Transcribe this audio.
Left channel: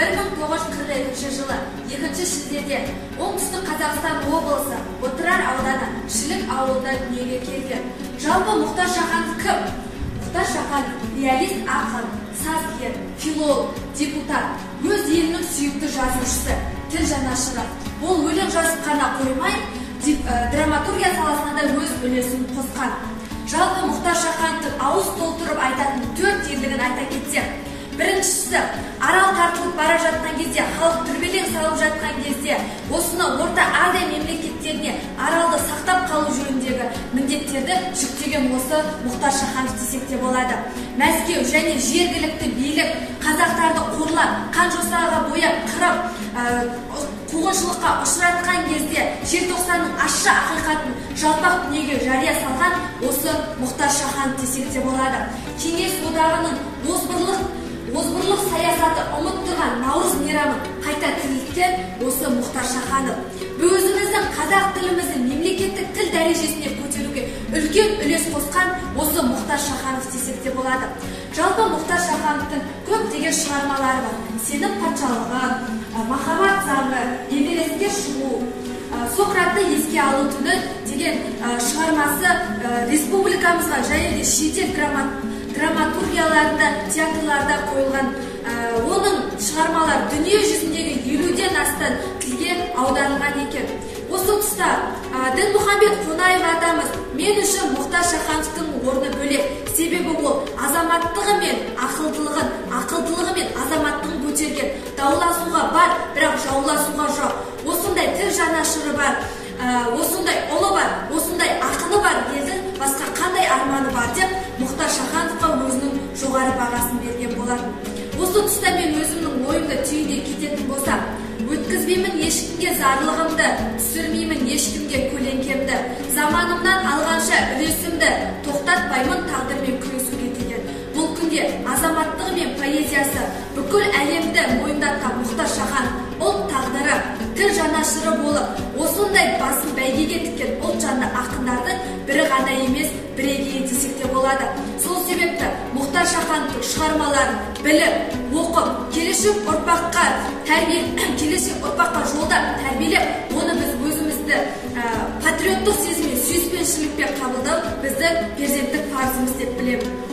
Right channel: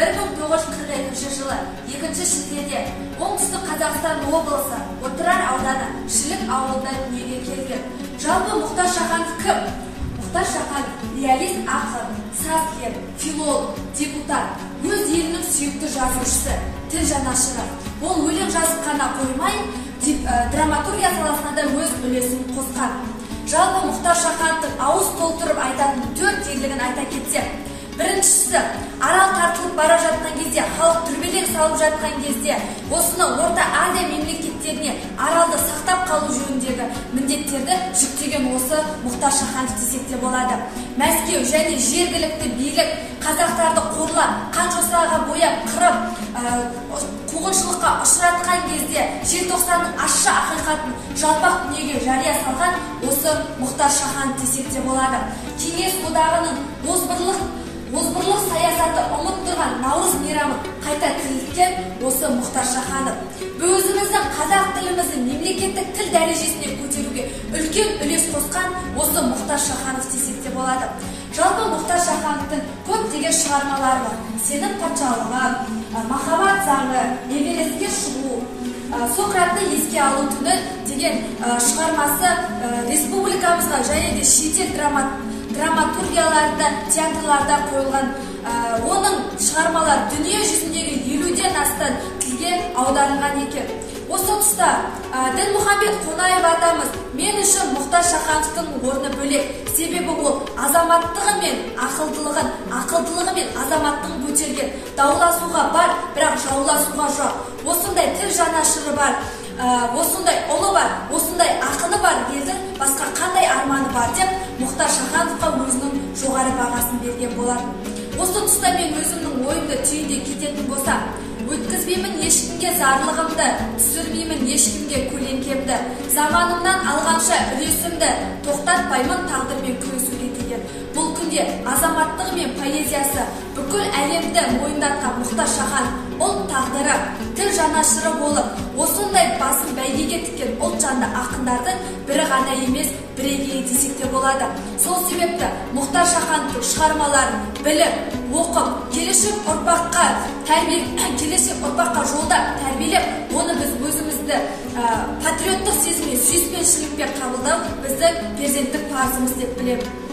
1942 жылы 2 шілдеде оңтүстік Қазақстан облысы Отырар ауданы Шілік ауылында дүниеге келген. Жалпы Мұхтар Шаханов кім? Мұхтар Шаханов реалист, ақын, сазгер, филолог, депутат, өз елінің сүйікті жазушысы, тіл жанашыры. Ол өлең жазып қана қоймай, драматургия саласына да өз үлесін қосқан. Жалпы Мұхтар Шахановтың ауыз толтырып айтатын 4 ерлігін айта кетсек, біріншісі, арал тартылып бара жатқан кезде, халық дүрбелең салып жатқан кезде, осыны Орта Азия мемлекеттеріне аралды сақтап қалу жөніндегі міндеттерді жүктеген осы Мұхтар Шаханов десек те болады. Мәскеу және жергілікті билік қазақтарды қорлап, қан жосаға бояп, қырып, қуғыншылыққа ұшыратқан кезде желтоқсанның ащы ақиқатын жалпақ дүниеге жария салған осы Мұхтар Шаханов десек те болады. Кеңес одағының озбырлық саясаты ұмыттырған Наурыз мейрамын қайта тірілткен осы Мұхтар Шаханов. Өзіміздің қазақ тіліміздің мемлекеттік тіл дәрежесіне көтеруге үлкен үлес қосқан осы Мұхтар Шаханов десек те болады. Жалпы Мұхтар Шахановтың көптеген шығармалары бар. Сенім патшалығы, махаббат заңы, Эверестке шығу, Сократты еске алу түні деген шығармасы республикамызға және де шетел драматургияларында, театрларда қойылған. Оның шығармалар дүние жүзіндегі 50-ден астам тілге аударылған екен. Осы тұста Дінмұхамбет Қонаев атамыз мен үшін Мұхтар Шахановтың орны бөлек. Себебі ол азаматтығы мен ақылдылығы мен азаматтығын көтерген. Дауласуға бар, бірақ жауласуға жоқ. Осындай тіл жанашыры бар, осындай ұлы бар, осындай ақыны бар елдің басқа қандай арманы бар деп Мұхтар Шахановқа өзінің жоғары бағасын берген болатын. Осы тұста мен өзімнің ойымды түйіндей кететін болсам, өткізбеймін ешкімге зарлығымды, түсірмеймін ешкімге көлеңкемді, заманымнан алғанша үлесімді, тоқтатпаймын тағдырмен күресуге келген. Бұл күнде азаматтығы мен поэзиясы бүкіл әлемді мойындатқан Мұхтар Шаханов ұлт тағдыры, тіл жанашыры болып, осындай басын бәйгеге тіккен ұлтжанды ақындардың бірі ғана емес, бірегейі десек те болады. Сол себепті Мұхтар Шахановтың шығармаларын біліп, оқып, келешек ұрпаққа жолдап, тәрбиелеп, оны біз өзімізді патриоттық сезіммен, сүйіспеншілікпен қабылдау бізді перзенттік парызымыз деп білемін.